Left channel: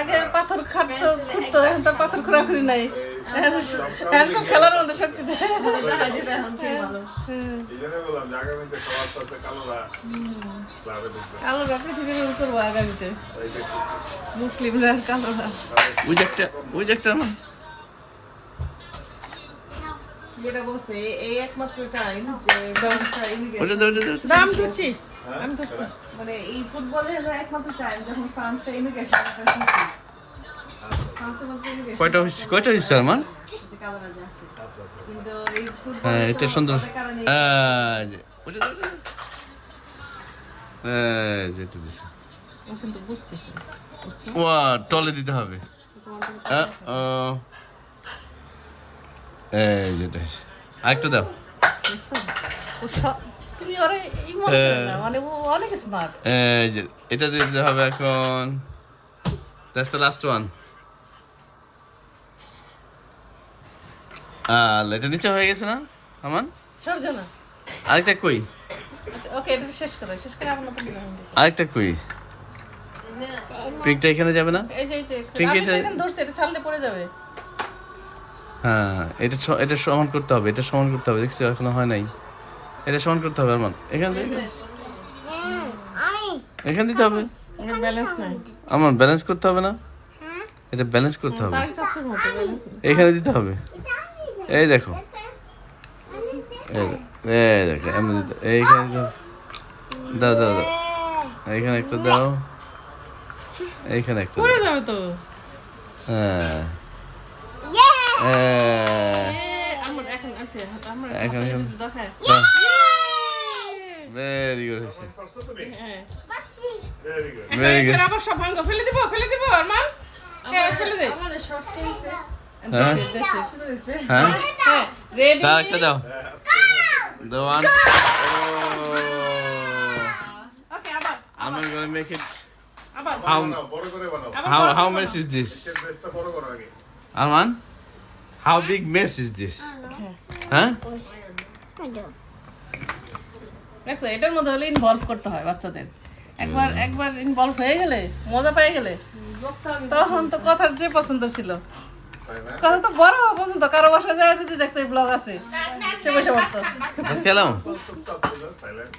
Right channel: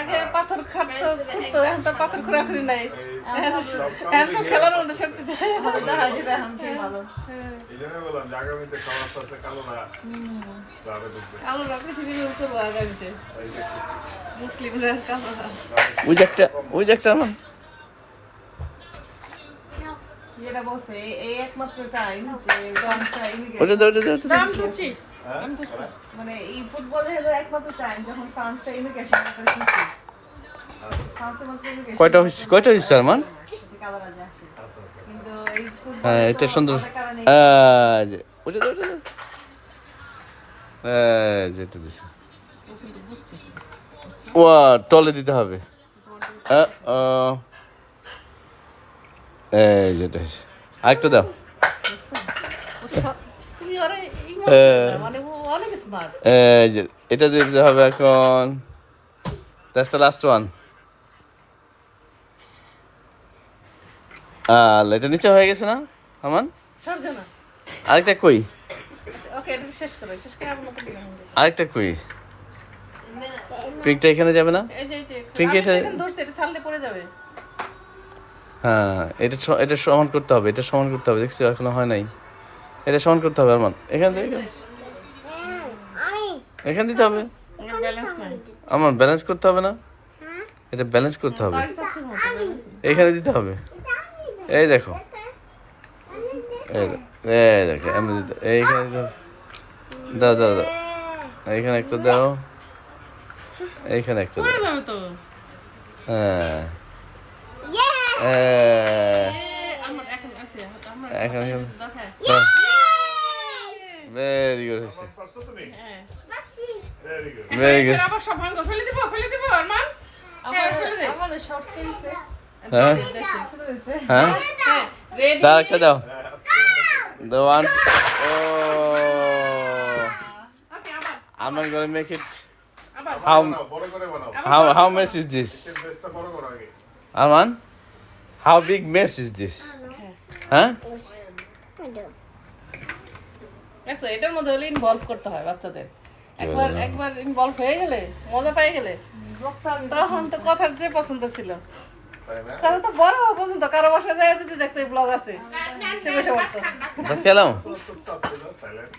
আগে পাথর খাটতো খুঁড়তো, এখন তো পাথর খোঁড়াখুড়ি নাই। এখন সব খেলার মধ্যে শক্তি দেয়। এই জন্যই বললাম যে আগামীতে খাবার আছে কালোরা ক্লাবে ঢুকবে। কালোরা পৃথিবীর উপর আগামীতে এই দেখতেছি। মুসলিমরা কালোরা। ওই যে একটা আমার যেটা বলছে এই একমাত্র টাইম যে ওটা দাম ধরছি আমি ধরছি। মানে এই ফুটবলে হলো একমাত্র টাইম যখন ফ্রান্সরা ইমিগ্রেশন কয়টা হয়েছে আমার? হ্যাঁ এটা সুন্দর। যেটা দিছে ও টলে দিতে হবে। যেটা আরেকটা দাও। তুমি অনেক স্মার্ট। এটা দিতে হবে এখন। That's the last one. এটা নিচে হয়ে গেছে না আমান? আরেকটা কই? ওকে এটা শেষ করে আমার মত আরেকটা কই? পিঙ্কটা এখানে যাবে না? এই যে পিঙ্ক এটা ধরছে, এটা ছাড়লে পড়ে যাবে। হ্যাঁ এটা সমান করতে হবে, এটা সমান করতে হবে। দেখছি এখনো হয় নাই। এটা সমান করতে হবে আরমান। এখান থেকে এখান দিতে হবে। ব্যালেন্স নাই। আমার ব্যালেন্স করতে হবে না? এটা ব্যালেন্স করতে হবে। এখানে দিতে হবে। এই দেখো এই দেখো এমনি দিতে এইখানে দাও দাও দাও। এইখানে একটা দাও, এইখানে একটা দাও। পড়ে যাবে তো। হ্যাঁ আমার এখন আছে এখন দেখায়। ভেরি গুড হয়েছে, করছো তুমি? হ্যাঁ ভেরি গুড। Very good. আবার সব ভাঙো, ফেলে দিব আরমান। ফেলে দে। আমার শর্টস কিনছে হ্যাঁ হ্যাঁ রেডি দাও একটা দাও। The one. Oh, ওকে আবার I'm not gonna make it. বানাও, বড় করে বানাও। How mess is this? বেসটা বড় করো আগে। Arman, how big mess is this? Huh? দেখছো এটার মধ্যে হলে ইনভলভ করতে হয় বাচ্চাদের। একবার ইনভলভ হয়ে গেলে, মজা পেয়ে গেলে, তখন তো কথার যে পছন্দ ছিল, তাই না? কথা তো বড় পছন্দ। কারো বাসায় যায় যদি দেখতে ব্লগ আছে, সে বসে পড়তো। What's hello? চুপচাপ ছিল, silent।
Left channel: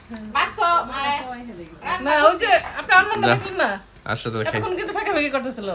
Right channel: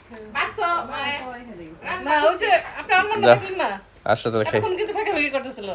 না ওই যে আপনার না আসলে তো খাই। এখন কিন্তু ফাঁকে ফাঁকে করতেছিল।